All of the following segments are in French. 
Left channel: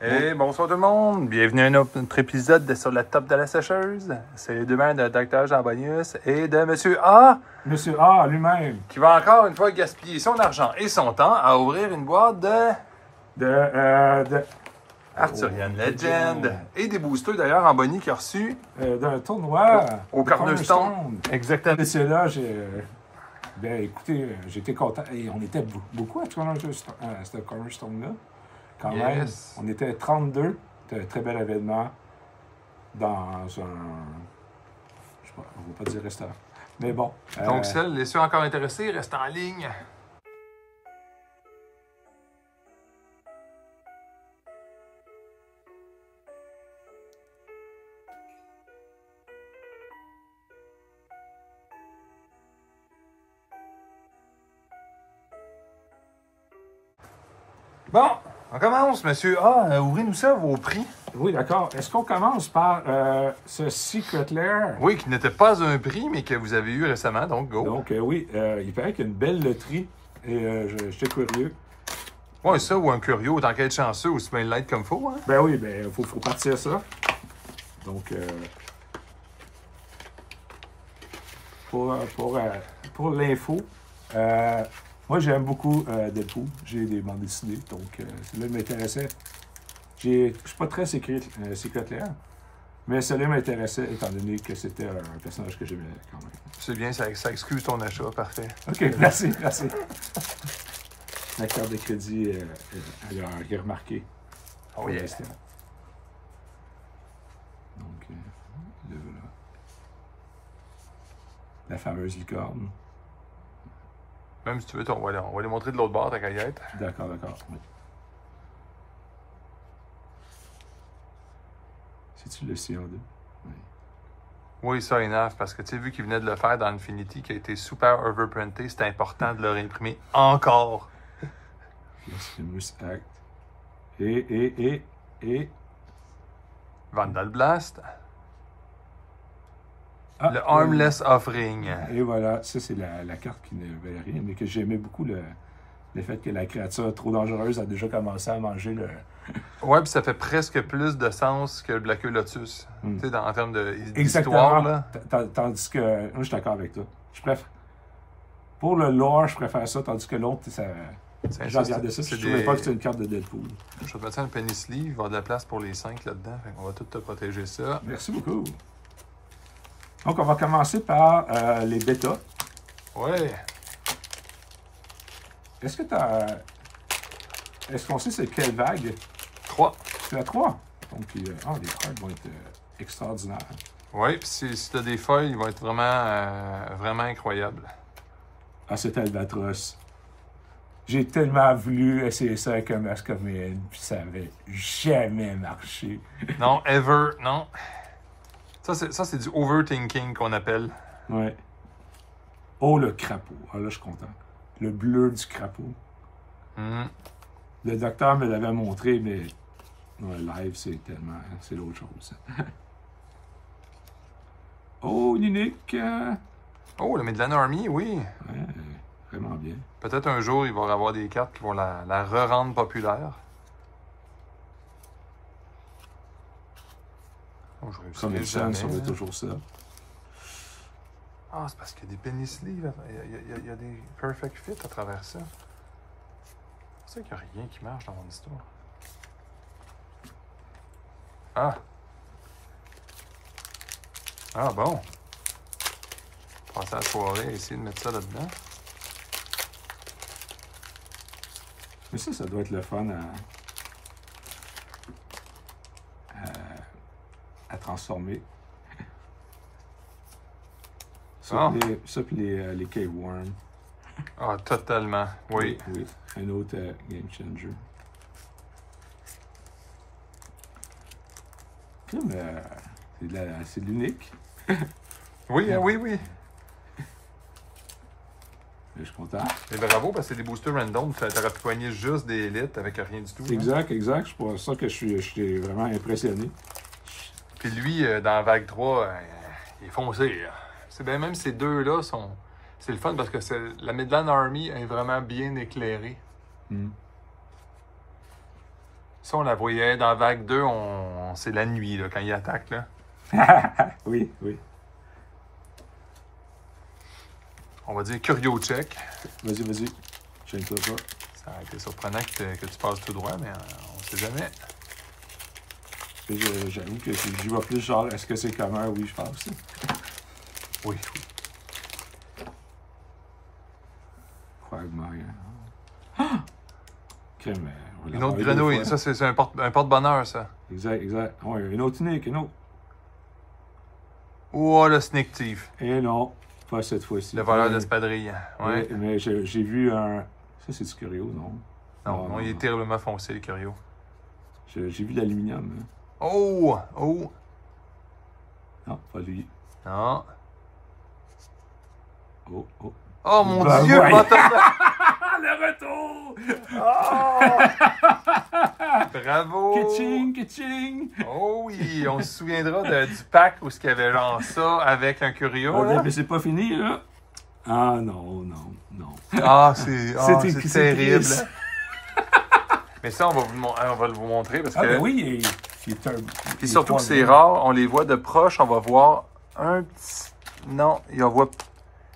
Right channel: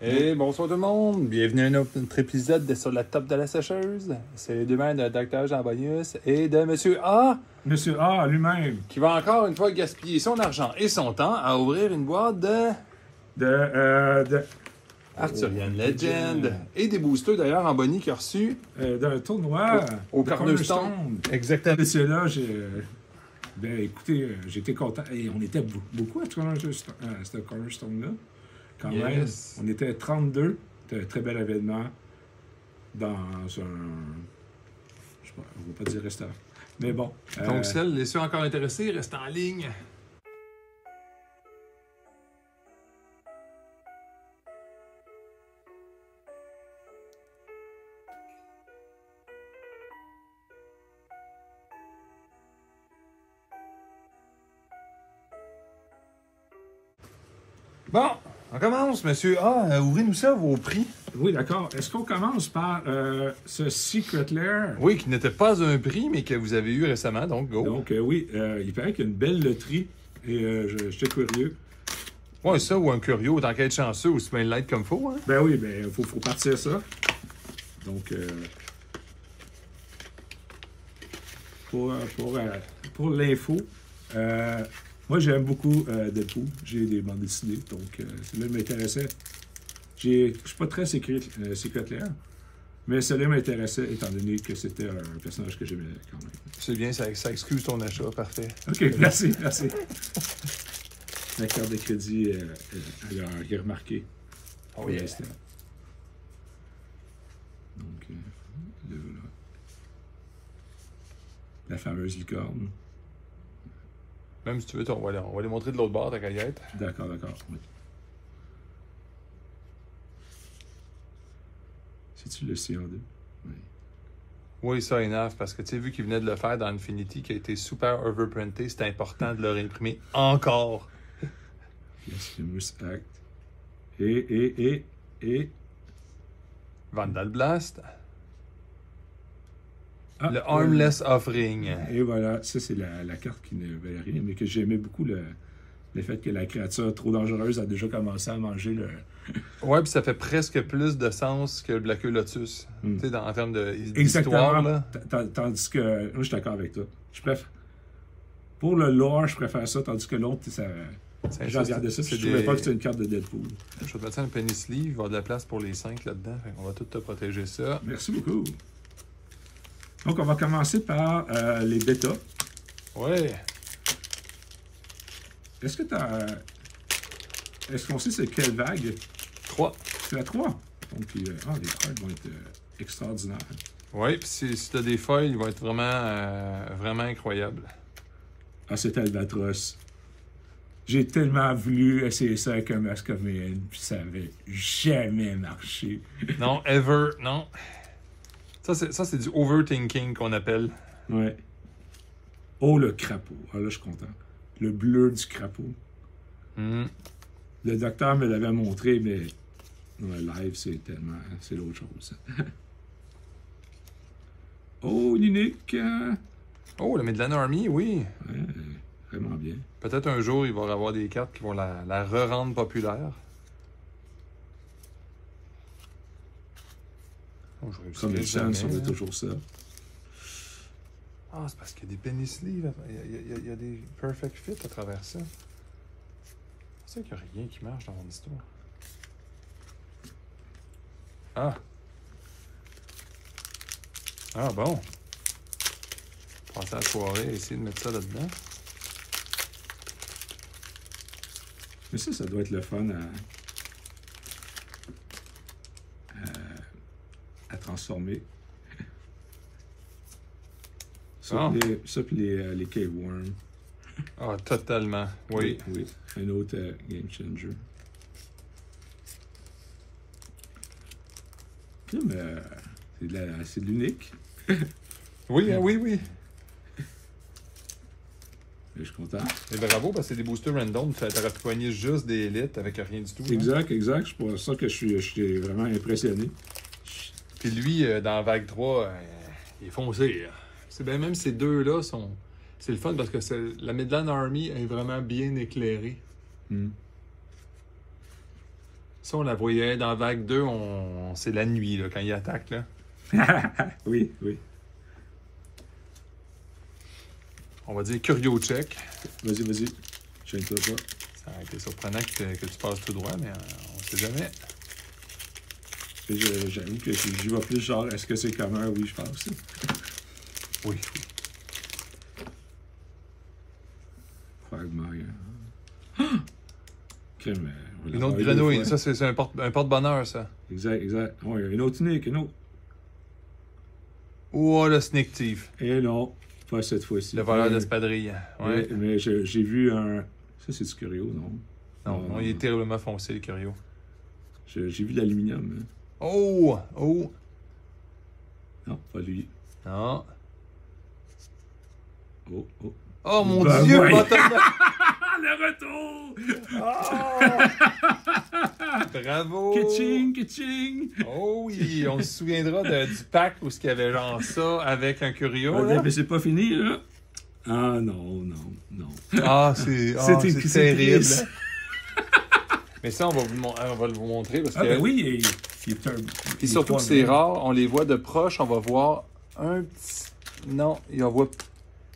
Hey, bonsoir tout le monde! Bienvenue à un autre épisode de Sur la top de la sécheuse. C'est les deux mains de Dr. Jean Bonius et de Monsieur A. Monsieur A lui-même. Qui va encore une fois gaspiller son argent et son temps à ouvrir une boîte de Arthurian Legend. Et des boosters d'ailleurs en Bonnie qui a reçu d'un tournoi au Cornerstone. Exactement. Et c'est là, écoutez, j'étais content. Et on était beaucoup à ce Cornerstone-là. Quand même, on était 32. C'était un très bel événement dans un... Je sais pas, on ne va pas dire restaurant. Mais bon. Donc, ceux encore intéressés, restent en ligne. Bon, on commence, Monsieur A. Ouvrez-nous ça, vos prix. Oui, d'accord. Est-ce qu'on commence par ce Secret Lair? Oui, qui n'était pas un prix, mais que vous avez eu récemment, donc go. Donc, oui, il paraît qu'il y a une belle loterie et j'étais curieux. Ouais, ça, ou un curieux, autant qu'être chanceux, aussi bien l'être comme faut, hein? Ben oui, ben, faut partir ça. Donc, pour l'info, moi, j'aime beaucoup Deadpool. J'ai des bandes dessinées, donc celui-là m'intéressait. Je suis pas très Secret Lair, mais celui-là m'intéressait étant donné que c'était un personnage que j'aimais quand même. C'est bien, ça excuse ton achat, parfait. OK, merci. La carte de crédit, elle a remarqué. Oh yeah. Donc, la fameuse licorne. Même si tu veux, on va les montrer de l'autre bord, ta caillette. D'accord, oui. C'est-tu le CO2? Oui. Oui, ça, enough, parce que tu sais, vu qu'il venait de le faire dans Infinity, qui a été super overprinté, c'était important de le réimprimer encore. Blasphemous Act. Et... Vandal Blast. Ah, le Armless Offering. Et voilà, ça c'est la carte qui ne valait rien, mais que j'aimais beaucoup le fait que la créature trop dangereuse a déjà commencé à manger le... Ouais, puis ça fait presque plus de sens que le Black Lotus, tu sais, en termes d'histoire. Là. Tandis que... Moi, je suis d'accord avec toi. Je préfère... Pour le lore, je préfère ça, tandis que l'autre, ça... J'ai regardé ça, je ne trouvais pas que c'était une carte de Deadpool. Je vais te mettre ça un penny sleeve, il va y avoir de la place pour les 5 là-dedans, on va tout te protéger ça. Merci beaucoup. Donc, on va commencer par les bêtas. Ouais. Est-ce qu'on sait c'est quelle vague? 3. C'est la 3. Donc, les cartes vont être extraordinaires. Oui, puis si tu as des feuilles, ils vont être vraiment incroyables. Ah, c'est Albatros. J'ai tellement voulu essayer ça avec un Masquerade, puis ça n'avait jamais marché. Non, ever, non. Ça, c'est du overthinking qu'on appelle. Ouais. Oh, le crapaud. Ah, là, je suis content. Le bleu du crapaud. Le docteur me l'avait montré, mais dans le live, c'est tellement... C'est l'autre chose. Oh, l'unique. Oh, le Midland Army, oui. Ouais, vraiment bien. Peut-être un jour, il va y avoir des cartes qui vont la re-rendre populaire. Oh, je comme le sang, ça va être toujours ça. Ah, c'est parce qu'il y a des penny sleeves. Il y a des perfect fit à travers ça. C'est qu'il n'y a rien qui marche dans mon histoire. Ah. Ah, bon. Passer à la soirée et essayer de mettre ça là-dedans. Mais ça doit être le fun à transformer. Ça, puis les K-Worm. Ah, totalement. Oui. Oui. Un autre game changer. C'est de l'unique. Oui, oui. Je suis content. Et bravo, parce que c'est des boosters random. Tu aurais pu poigner juste des élites avec rien du tout. Exact. C'est pour ça que je suis vraiment impressionné. Puis lui, dans Vague 3, il est foncé. C'est bien, même ces deux-là sont... C'est le fun parce que la Midland Army est vraiment bien éclairée. Ça, on la voyait dans vague 2, c'est la nuit, là, quand il attaque, là. Oui, oui. On va dire curio check. Vas-y, vas-y. Gêne-toi pas. Ça a été surprenant que tu passes tout droit, mais on sait jamais. J'avoue que je vois plus genre, est-ce que c'est commun? Oui, je pense. Oui, oui. Quagmire. Ah! Une autre grenouille. Ça, c'est un porte-bonheur, ça. Exact, exact. Ouais, une autre unique, une autre. Oh, le Sneak Thief. Et non, pas cette fois-ci. Le voleur d'espadrille. Ouais. Mais j'ai vu un... Ça, c'est du curio, non? Non, il est terriblement foncé, le curio. J'ai vu l'aluminium. Hein. Oh! Oh! Non, pas lui. Non. Oh, oh. Oh, mon Ben, Dieu! ouais. Le retour! Bravo! Kitching, kitching! Oh oui, on se souviendra du pack où il y avait genre ça avec un curio. Là. Mais c'est pas fini, là. Ah non, non, non. Ah, c'est C'est terrible. triste. Mais ça, on va vous montrer parce que... Ah ben oui, Puis surtout que c'est rare, on les voit de proche, on va voir un petit... Non, on voit...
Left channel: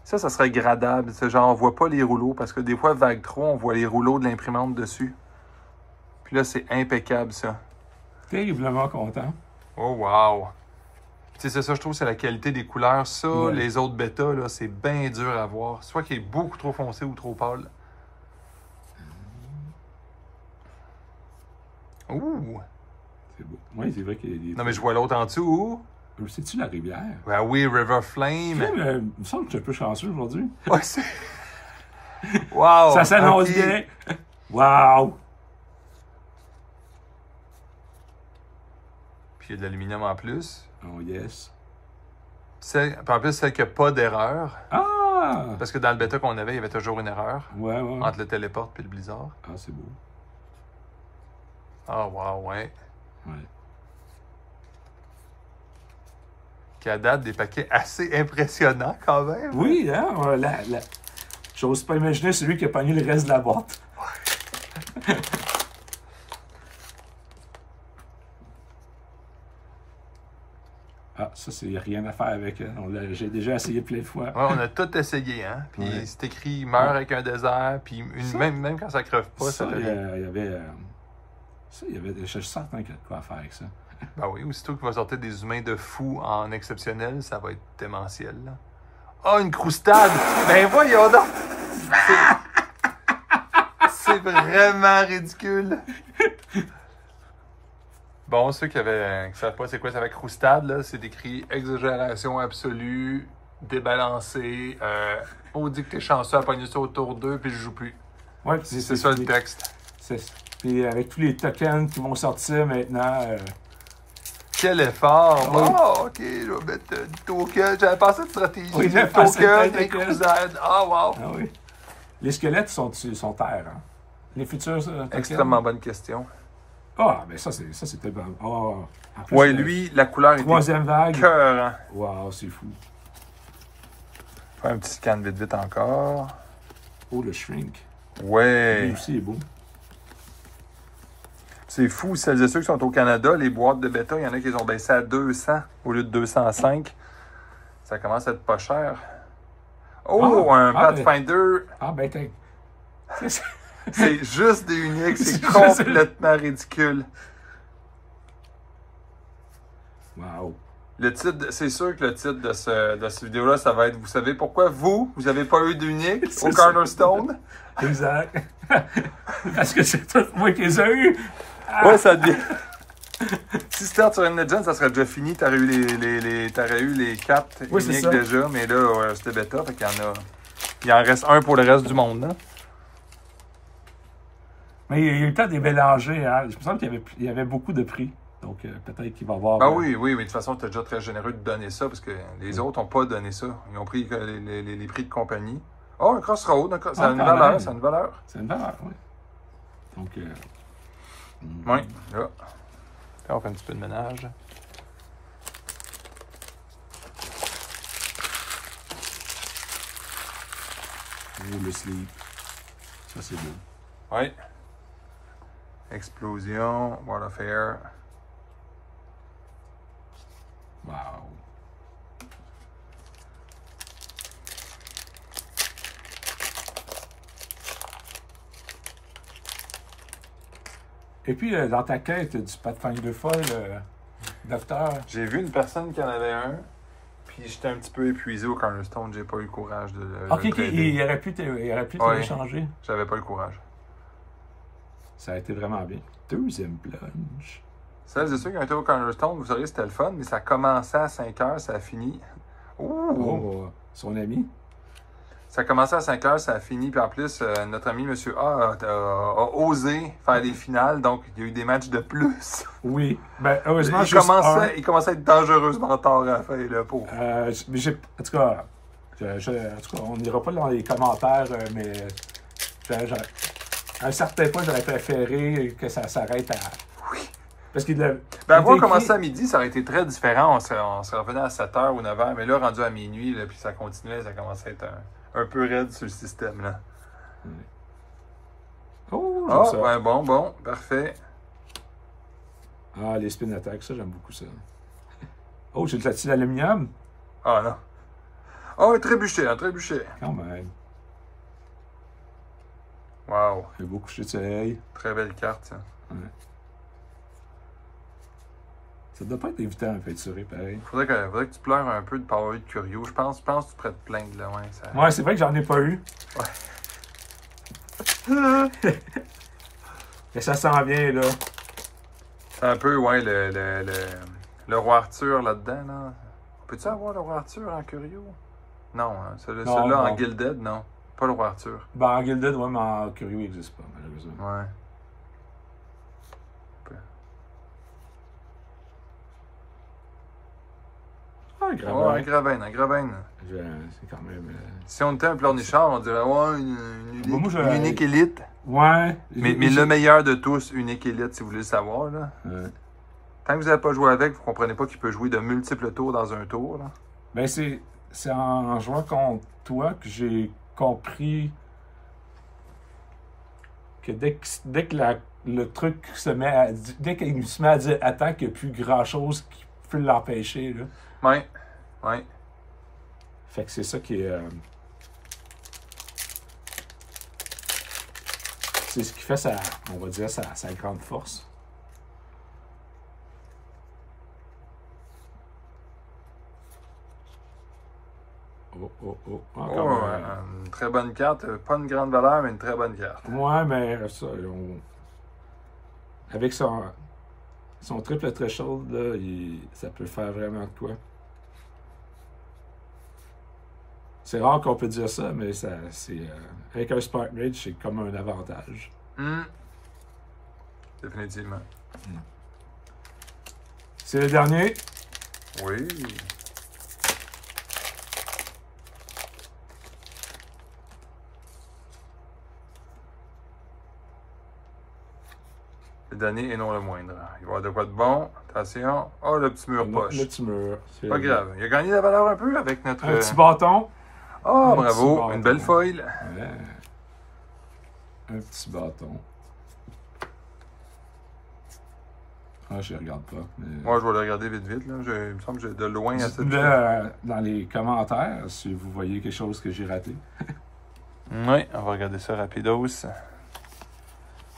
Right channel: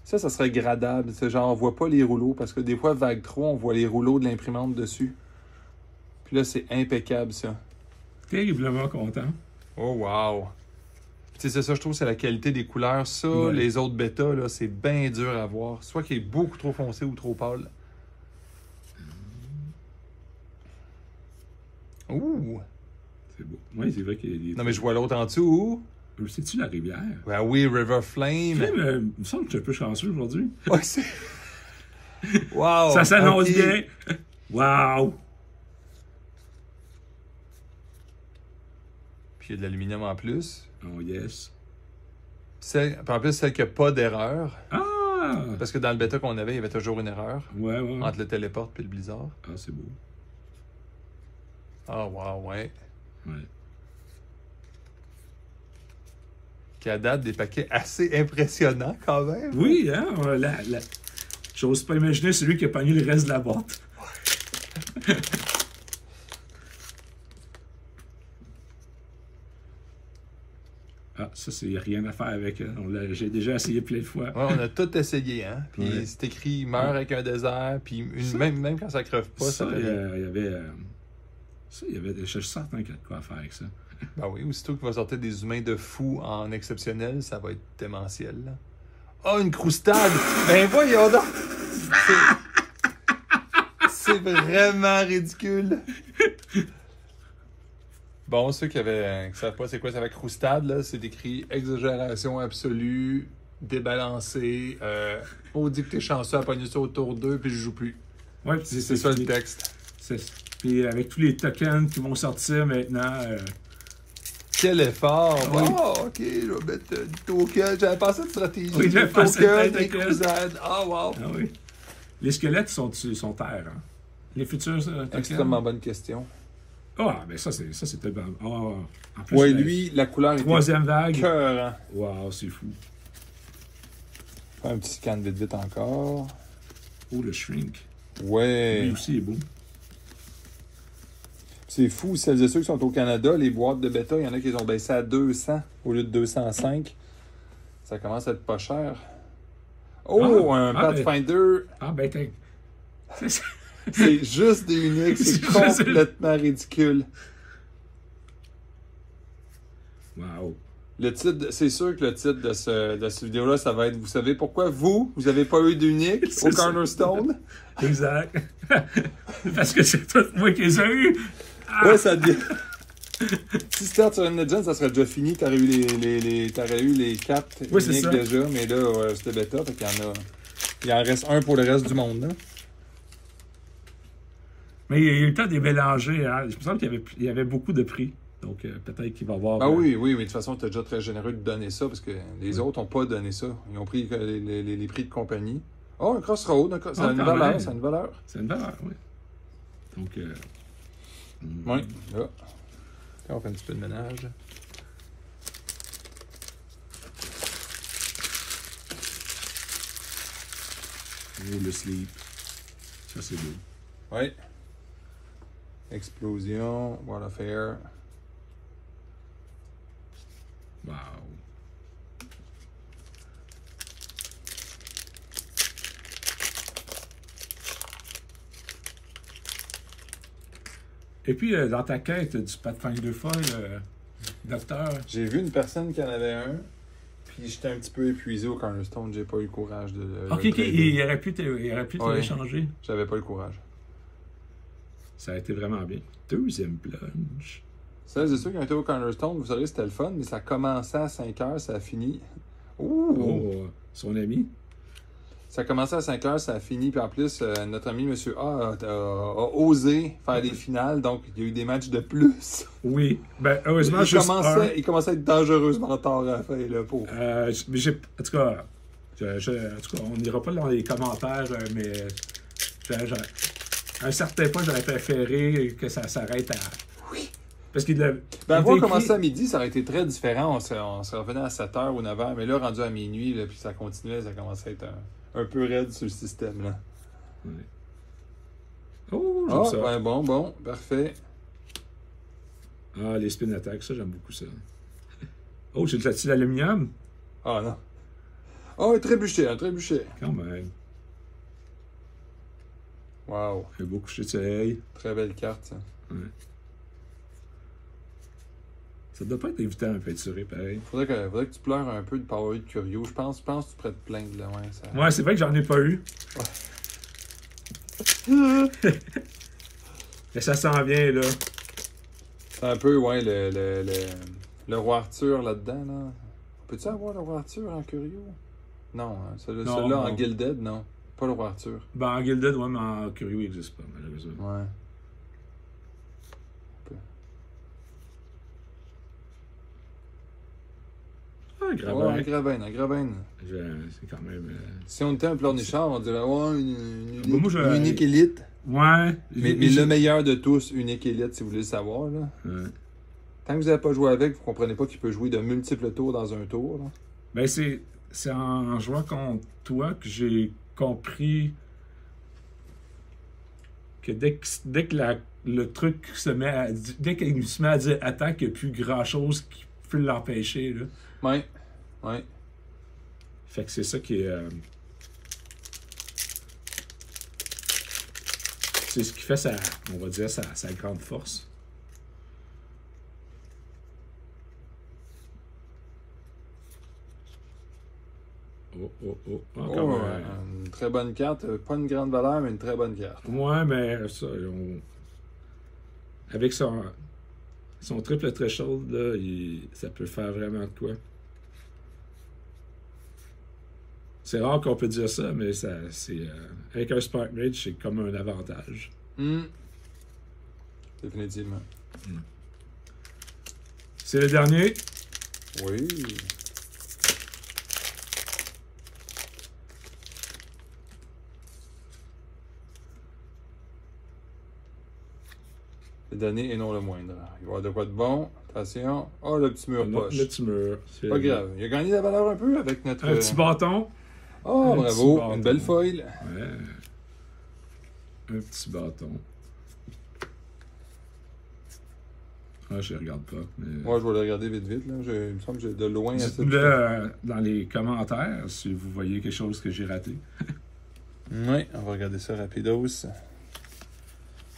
Ça serait gradable. C'est genre, on voit pas les rouleaux parce que des fois, vague 3, on voit les rouleaux de l'imprimante dessus. Puis là, c'est impeccable, ça. Terriblement content. Oh, wow! Tu sais, c'est ça, je trouve, c'est la qualité des couleurs. Ça, ouais. Les autres bêtas, là, c'est bien dur à voir. Soit qu'il est beaucoup trop foncé ou trop pâle. Ouh! C'est beau. Oui, c'est vrai qu'il y a des... Non, mais je vois l'autre en dessous. C'est-tu la rivière? Ben oui, River Flame. Il me semble que tu es un peu chanceux aujourd'hui. Ouais, c'est... Wow! Ça s'annonce okay. bien! Wow! Puis il y a de l'aluminium en plus. Oh yes. Puis en plus, celle qui n'a pas d'erreur. Ah! Parce que dans le bêta qu'on avait, il y avait toujours une erreur. Ouais, ouais. Entre le téléport et le blizzard. Ah, c'est beau. Ah, wow, ouais. Ouais. Qui a date des paquets assez impressionnants quand même. Oui, hein? J'ose pas imaginer celui qui a pogné le reste de la boîte. Ah, ça, c'est rien à faire avec. J'ai déjà essayé plein de fois. Ouais, on a tout essayé, hein. Puis ouais. c'est écrit meurt avec un désert. Puis même quand ça creve pas, ça fait rien. Il y avait. Je suis certain qu'il y a de quoi faire avec ça. Ben oui, aussitôt qu'il va sortir des humains de fou en exceptionnel, ça va être démentiel, là. Ah, une croustade! Ben voyons donc! C'est vraiment ridicule! Bon, ceux qui ne savent pas c'est quoi ça va croustade, là, c'est écrit exagération absolue, débalancé, on dit que t'es chanceux à pogner ça autour d'eux, puis je joue plus. Ouais, c'est ça le texte. Puis avec tous les tokens qui vont sortir maintenant. Quel effort! Oh, ok, je vais mettre du token. J'avais pensé de stratégie. Oui, du token, des crousades. Ah, wow! Ah oui. Les squelettes sont terre, hein? Les futurs tokens? Extrêmement bonne question. Ah, ben ça, c'était bon. Oh, ouais, lui, la couleur est troisième vague. Cœur, hein? Wow, c'est fou. Faire un petit scan vite encore. Oh, le shrink. Ouais. Lui aussi est beau. C'est fou, celles et ceux qui sont au Canada, les boîtes de bêta, il y en a qui les ont baissé à 200 au lieu de 205. Ça commence à être pas cher. Oh, un Pathfinder. Ben t'es... C'est juste des uniques, c'est complètement ridicule. Wow. Le titre, c'est sûr que le titre de cette vidéo-là, ça va être, vous savez pourquoi vous n'avez pas eu d'unique au Cornerstone? Exact. Parce que c'est tout moi qui les ai eu. Ouais, ça devient... Si c'était sur une Legend, ça serait déjà fini. T'aurais eu les 4 uniques déjà, mais là, c'était bêta, fait qu'il y en a... Il en reste un pour le reste du monde, hein? Mais il y a eu le temps de les mélanger, hein? Je me semble qu'il y avait beaucoup de prix. Donc, peut-être qu'il va y avoir... Ah oui, mais de toute façon, tu es déjà très généreux de donner ça, parce que les autres n'ont pas donné ça. Ils ont pris les prix de compagnie. Oh, un Crossroad, c'est une valeur, c'est une valeur. C'est une valeur, oui. Donc... Oui, là. Là, on fait un petit peu de ménage. Oh, le sleep. Ça, c'est beau. Oui. Explosion, World of Air. Wow. Et puis, dans ta quête du Pathfinder folle, docteur. J'ai vu une personne qui en avait un, puis j'étais un petit peu épuisé au Cornerstone, j'ai pas eu le courage de Ok, le ok, trader. il aurait pu te l'échanger. J'avais pas le courage. Ça a été vraiment bien. Deuxième plonge. Celles et ceux qui ont été au Cornerstone, vous saurez, c'était le fun, mais ça commençait à 5 heures, ça a fini. Ouh! Oh, son ami. Ça a commencé à 5 heures, ça a fini, puis en plus, notre ami M. A a osé faire des finales, donc il y a eu des matchs de plus. Oui. Ben, heureusement, il commençait à être dangereusement tard à la fin, le pauvre. En tout cas, on n'ira pas dans les commentaires, mais à un certain point, j'aurais préféré que ça s'arrête à. Oui. Parce qu'il a. Ben, avoir commencé à midi, ça aurait été très différent. On serait revenu à 7h ou 9h, mais là, rendu à minuit, là, puis ça continuait, ça commençait à être un peu raide sur le système. Là. Oh, j'aime ça. Ouais, bon, parfait. Ah, les spin attacks, ça, j'aime beaucoup ça. Oh, j'ai de l'aluminium. Ah, non. Oh, un trébuchet. Quand même. Wow. Un beau coucher de soleil. Très belle carte, ça. Ouais. Ça doit pas être évident à peinturer, pareil. Faudrait que tu pleures un peu de pas avoir eu de Curio. Je pense que tu pourrais te plaindre, là. Ouais, ça... Ouais, c'est vrai que j'en ai pas eu. Ouais. Mais ça s'en vient, là. C'est un peu, ouais, le roi Arthur là-dedans, là. Peux-tu avoir le roi Arthur en Curio? Non, hein. Celui-là en Gilded, non. Pas le roi Arthur. Ben, en Gilded, ouais, mais en Curio, il n'existe pas, malheureusement. Ouais. Ah, Gravin. Ouais, un Gravin. C'est quand même. Si on était un pleurnichard, on dirait, ouais, une unique élite. Ouais. Mais le meilleur de tous, unique élite, si vous voulez le savoir, là. Ouais. Tant que vous n'avez pas joué avec, vous ne comprenez pas qu'il peut jouer de multiples tours dans un tour, là. Ben, c'est en jouant contre toi que j'ai compris que dès que le truc se met à... Dès qu'il se met à dire attaque, il n'y a plus grand-chose qui peut l'empêcher, là. Ouais. Fait que c'est ça qui est... c'est ce qui fait on va dire, sa grande force. Encore une très bonne carte. Pas une grande valeur, mais une très bonne carte. Ouais, mais ça, avec son triple threshold, là, ça peut faire vraiment de quoi. C'est rare qu'on peut dire ça, mais avec un Spark Mage, c'est comme un avantage. Définitivement. C'est le dernier. Oui. Le dernier et non le moindre. Il va y avoir de quoi de bon. Attention. Oh, le petit mur poche. Le petit mur. Pas grave. Il a gagné la valeur un peu avec notre... Un petit bâton. Oh, bravo. Une belle foil. Ouais. Un petit bâton. Ah, je ne regarde pas. Mais... Moi, je vais le regarder vite. Là. Il me semble que j'ai de loin à cette... Dans les commentaires, si vous voyez quelque chose que j'ai raté. Oui, on va regarder ça rapidos.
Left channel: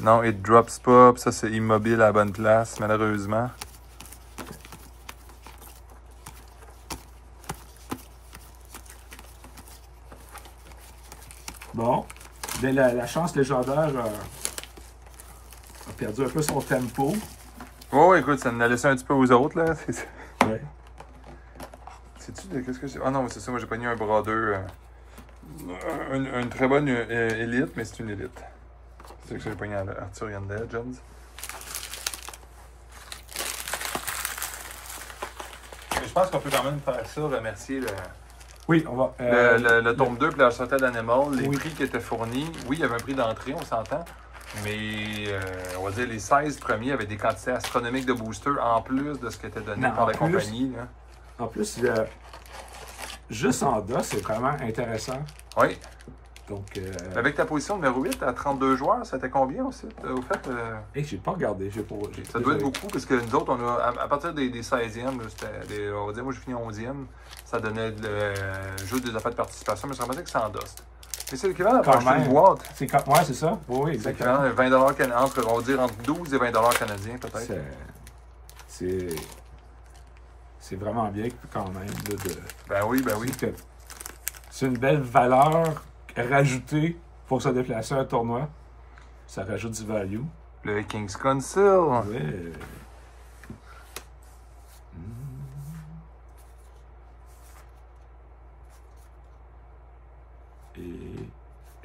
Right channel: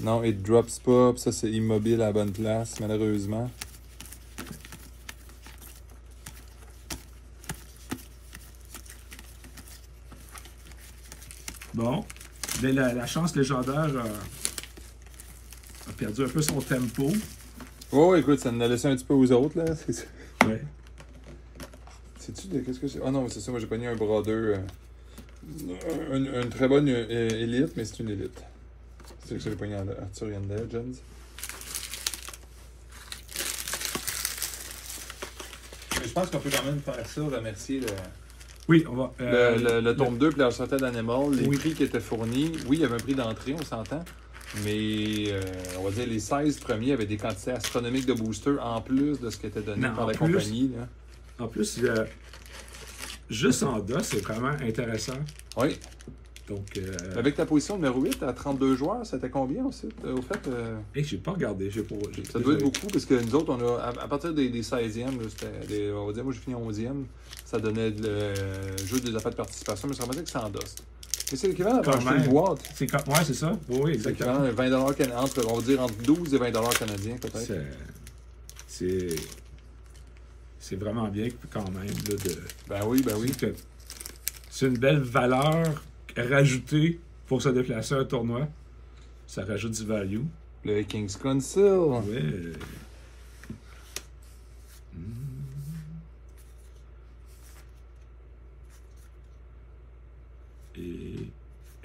Non, it drops pas. Ça, c'est immobile à la bonne place, malheureusement. Bon. Mais la chance légendaire a perdu un peu son tempo. Oh, écoute, ça en a laissé un petit peu aux autres, là. Ouais. Sais-tu de qu'est-ce que c'est? Ah non, c'est ça, moi j'ai pogné un bras 2. Une très bonne élite, mais c'est une élite. C'est ça que j'ai pogné à Arthurian Legends. Je pense qu'on peut quand même faire ça, remercier Oui, on va. le tome 2 et la sortie d'Animal, les oui. prix qui étaient fournis. Oui, il y avait un prix d'entrée, on s'entend. Mais on va dire les 16 premiers avaient des quantités astronomiques de boosters en plus de ce qui était donné par la compagnie. Là. En plus, juste en DOS, c'est vraiment intéressant. Oui. Donc, Avec ta position numéro 8 à 32 joueurs, c'était combien aussi? Au fait, j'ai pas regardé. ça doit être beaucoup, parce que nous autres, on a, à partir des 16e, là, c'était on va dire, moi j'ai fini 11e, ça donnait le jeu des affaires de participation, mais ça remettait que c'est en DOS. Mais c'est l'équivalent d'avoir acheté une boîte. Ouais, c'est ça. Oui, exactement. C'est 20 entre, on va dire entre 12 et 20 canadiens, peut-être. C'est vraiment bien quand même. Là, Ben oui. C'est une belle valeur rajoutée pour se déplacer à un tournoi. Ça rajoute du value. Le King's Council. Ouais.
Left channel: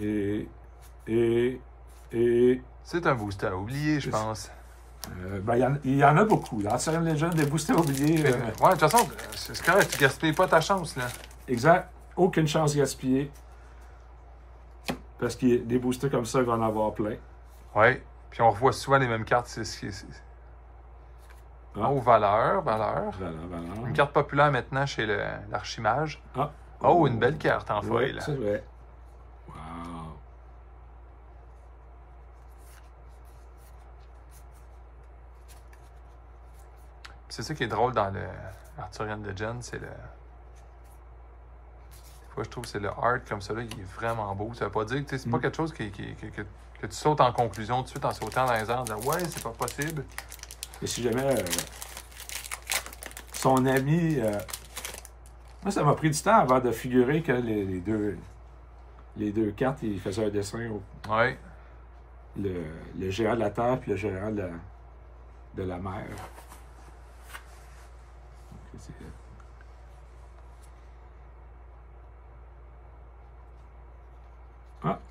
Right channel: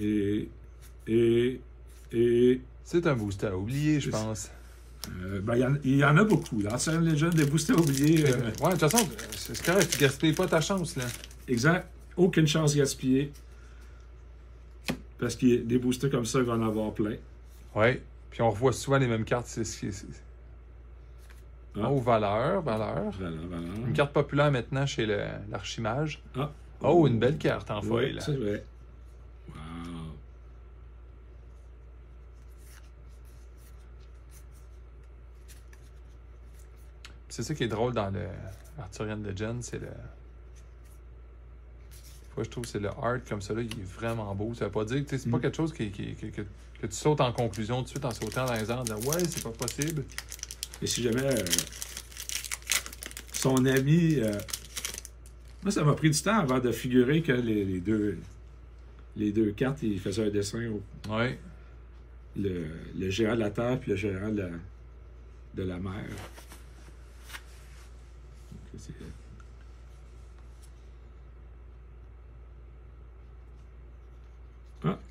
Et c'est un booster à oublier, je pense. Il y en a beaucoup. L'ancienne légende des boosters oubliés. Ouais, de toute façon, c'est correct, tu gaspilles pas ta chance, là. Exact. Aucune chance gaspillée. Parce que des boosters comme ça, il va en avoir plein. Ouais. Puis on revoit souvent les mêmes cartes. Oh, valeur. Une carte populaire maintenant chez l'Archimage. Oh, une belle carte en foil. C'est vrai. Wow. C'est ça qui est drôle dans le Arthurian Legend, c'est le... Des fois, je trouve que c'est le art comme ça, là, il est vraiment beau. Ça veut pas dire que c'est pas quelque chose que tu sautes en conclusion tout de suite en sautant dans les airs, en disant « Ouais, c'est pas possible. » Et si jamais son ami... moi, ça m'a pris du temps avant de figurer que les deux cartes, il faisait un dessin Ouais. Le géant de la terre et le géant de la mer.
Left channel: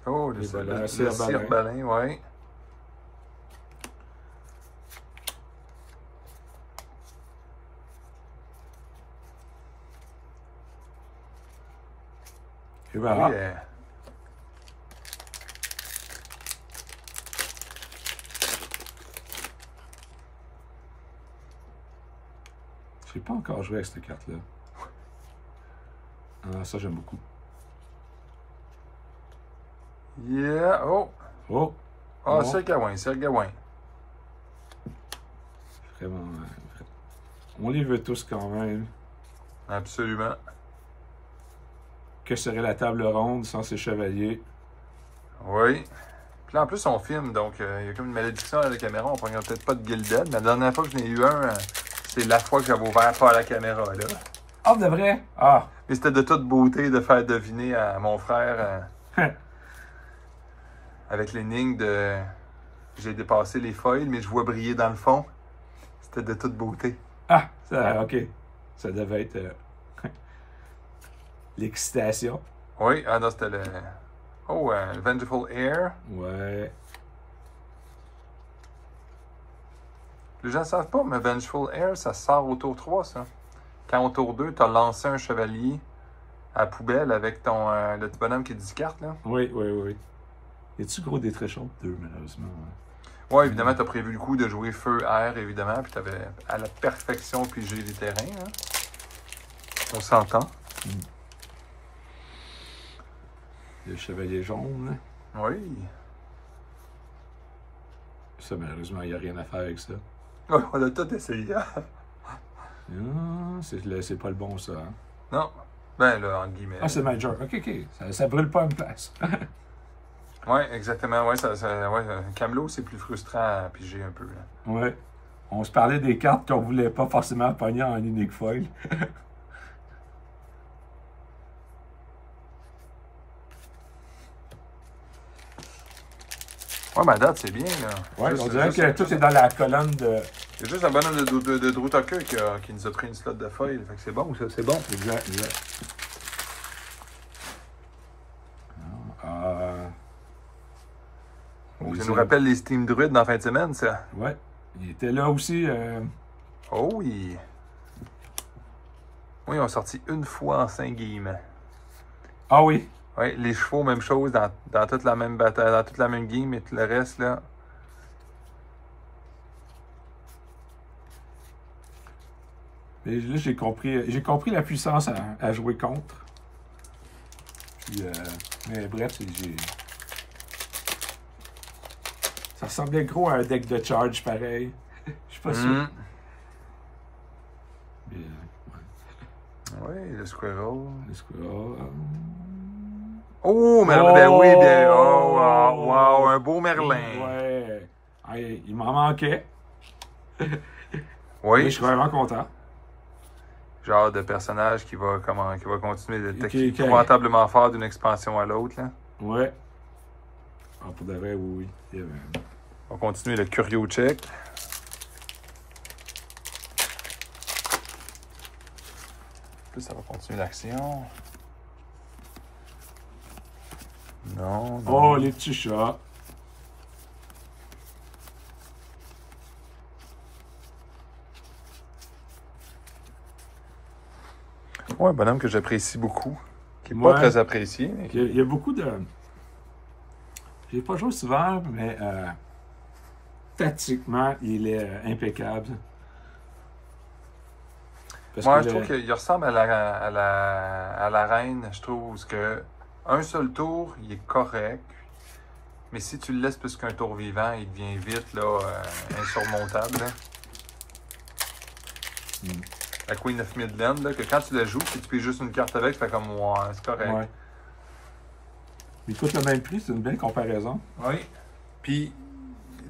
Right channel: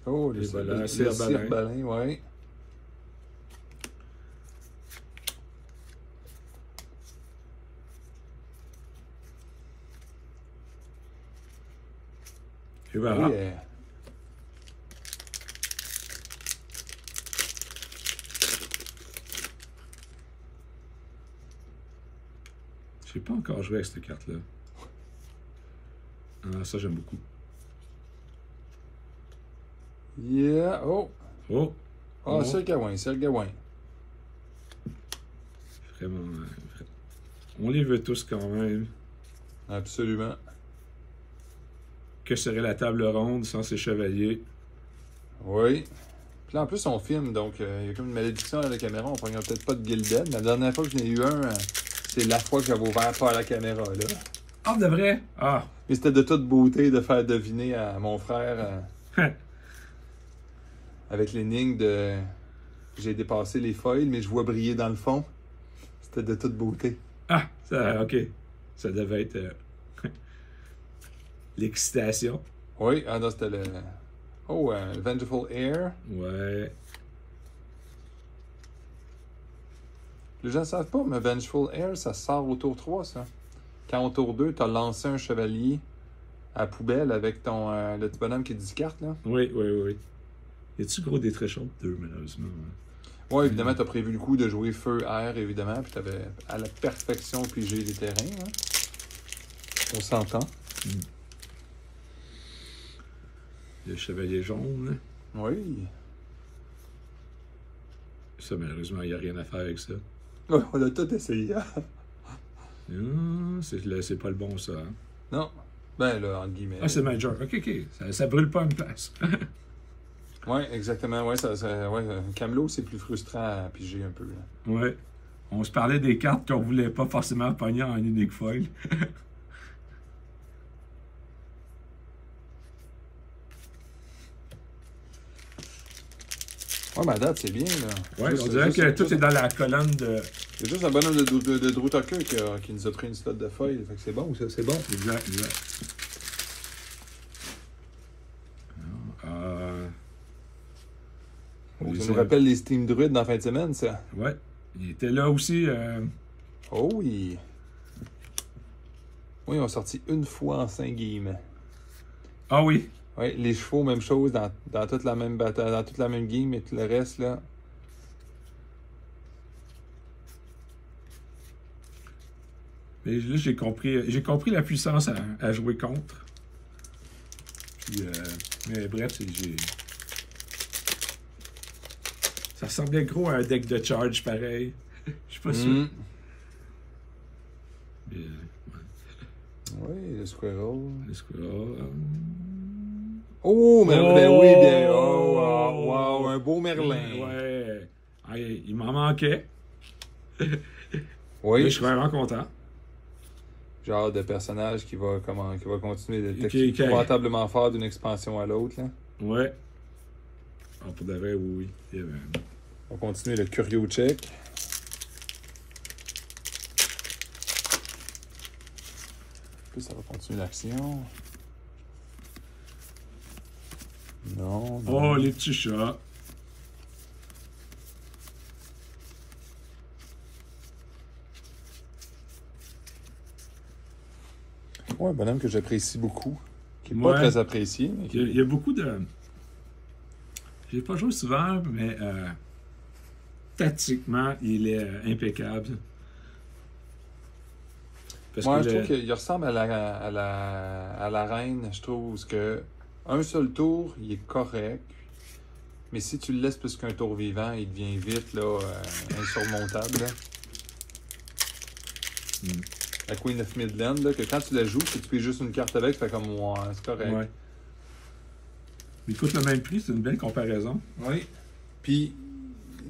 Oh, le Cire-Balin, ouais. Et voilà. Yeah. Je n'ai pas encore joué avec cette carte-là. Ah, ça, j'aime beaucoup. Yeah. Oh, c'est le Gawain, Vraiment. On les veut tous quand même. Absolument. Que serait la table ronde sans ces chevaliers? Oui. Puis là, en plus, on filme, donc il y a comme une malédiction à la caméra. On ne prend peut-être pas de Gilded. Mais la dernière fois que j'en ai eu un, c'est la fois que j'avais ouvert pas à la caméra, là. Ah, de vrai? Ah! Et c'était de toute beauté de faire deviner à mon frère avec l'énigme de j'ai dépassé les foils, mais je vois briller dans le fond. C'était de toute beauté. Ah! Ça, OK. Ça devait être l'excitation. Oui, non, c'était le... Oh, Vengeful Air. Ouais. Les gens ne savent pas, mais Vengeful Air, ça sort au tour 3, ça. Quand au tour 2, tu as lancé un chevalier à la poubelle avec ton le petit bonhomme qui est 10 cartes, là. Oui. Y a-tu gros des tréchons? 2, malheureusement. Ouais, évidemment, tu as prévu le coup de jouer feu, air, évidemment, puis tu avais à la perfection pigé les terrains. Hein. On s'entend. Le chevalier jaune. Oui. Ça, malheureusement, il n'y a rien à faire avec ça. Oh, on a tout essayé. C'est pas le bon, ça. Hein? Non. Ben là, en guillemets. Ah, c'est Major. OK. Ça brûle pas une place. Oui, exactement. Ouais, Camelot, c'est plus frustrant à piger un peu. Oui. On se parlait des cartes qu'on voulait pas forcément pogner en unique foil. Ouais, ma date, c'est bien. Oui, on dirait que tout est dans la colonne de... C'est juste un bonhomme de Drew Tucker qui nous a pris une slot de foil. Fait que c'est bon, ça, c'est bon. Exact. Ça nous rappelle les Steam Druids dans la fin de semaine, ça. Ouais. Il était là aussi. Oh oui. Oui, ils ont sorti une fois en 5 games. Ah oui. Oui, les chevaux, même chose, dans toute la même bataille, dans toute la même game, et tout le reste, là. Et là, j'ai compris la puissance à jouer contre. Puis, Mais bref, ça ressemblait gros à un deck de charge pareil. Je suis pas sûr. Mais, Oui, le Squirrel. Le Squirrel. Oh, Merlin, ben oui, bien. Oh, wow, un beau Merlin. Ouais. Ah, il m'en manquait. Oui. Mais je suis vraiment content. Genre de personnage qui va continuer de Qui- épouvantablement fort d'une expansion à l'autre. Là. Ouais. Ah, pour de vrai, oui. Yeah, man. On va continuer le Curio Check. Plus ça va continuer l'action. Non, non. Oh, les petits chats. Ouais, un bonhomme que j'apprécie beaucoup. Qui n'est Ouais. pas très apprécié. Mais Il y a beaucoup de... J'ai pas joué souvent, mais tactiquement, il est impeccable. Parce moi, que je trouve qu'il ressemble à la reine. Je trouve que un seul tour, il est correct. Mais si tu le laisses plus qu'un tour vivant, il devient vite là, insurmontable. Là. La Queen of Midland, là, que quand tu la joues, si tu payes juste une carte avec, tu fais comme ouais, c'est correct. Ouais. Il coûte le même prix, c'est une belle comparaison. Oui. Puis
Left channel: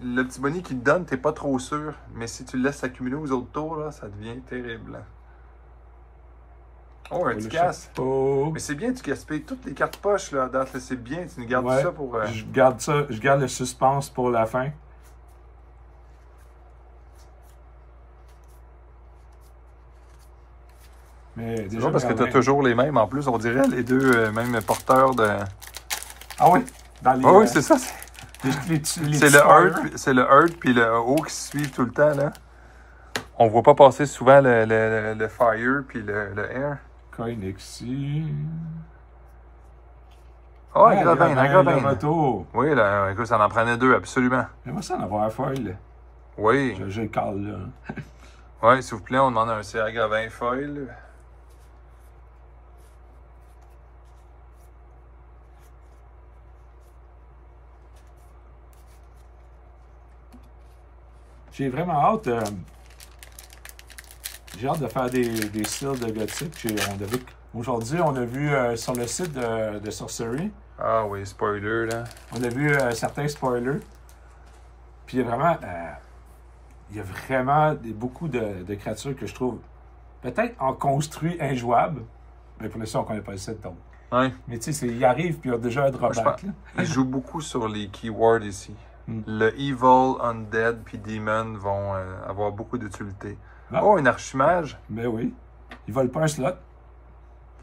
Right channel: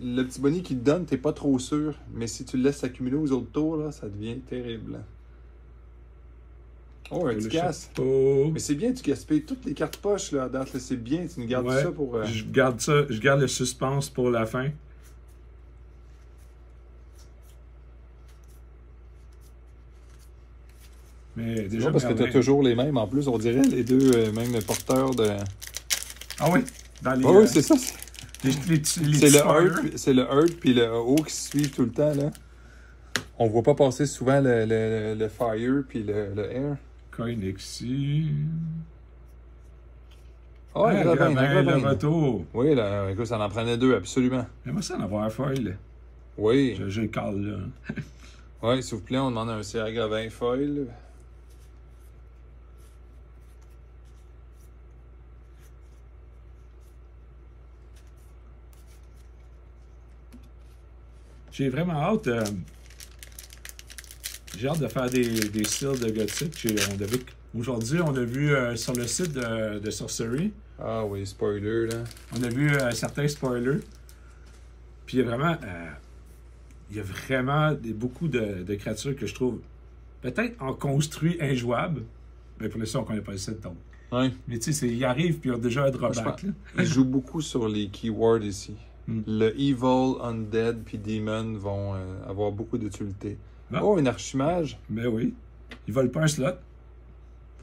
le petit bonnet qu'il te donne, t'es pas trop sûr. Mais si tu le laisses s'accumuler aux autres tours, là, ça devient terrible. Oh, un petit casse. Oh. Mais c'est bien, tu gaspilles toutes les cartes poches là, à date. C'est bien, tu nous gardes Ouais. ça pour. Je garde le suspense pour la fin. Mais déjà, parce que tu as toujours les mêmes en plus, on dirait les deux mêmes porteurs de. Ah oui? Dans les, oui, c'est ça. C'est le Earth puis le O qui se suivent tout le temps. Là. On voit pas passer souvent le Fire puis le Air. Coinexi. Oh, un Gravein. Le retour. Oui, là, écoute, ça en prenait deux, absolument. J'aimerais ça en avoir un foil. Oui. Je le cale là. Oui, s'il vous plaît, on demande un CR Gravein foil. J'ai vraiment hâte. J'ai hâte de faire des styles de gothique. Aujourd'hui, on a vu sur le site de Sorcery. Ah oui, spoiler, là. On a vu certains spoilers. Puis il y a vraiment beaucoup de créatures que je trouve peut-être en construit injouables. Mais pour l'instant, on ne connaît pas le set donc. Oui. Mais tu sais, il arrive puis il y a déjà un drawback. Il joue beaucoup sur les keywords ici. Le Evil, Undead puis Demon vont avoir beaucoup d'utilité. Ah. Oh, un archimage. Ben oui. Ils volent pas un slot.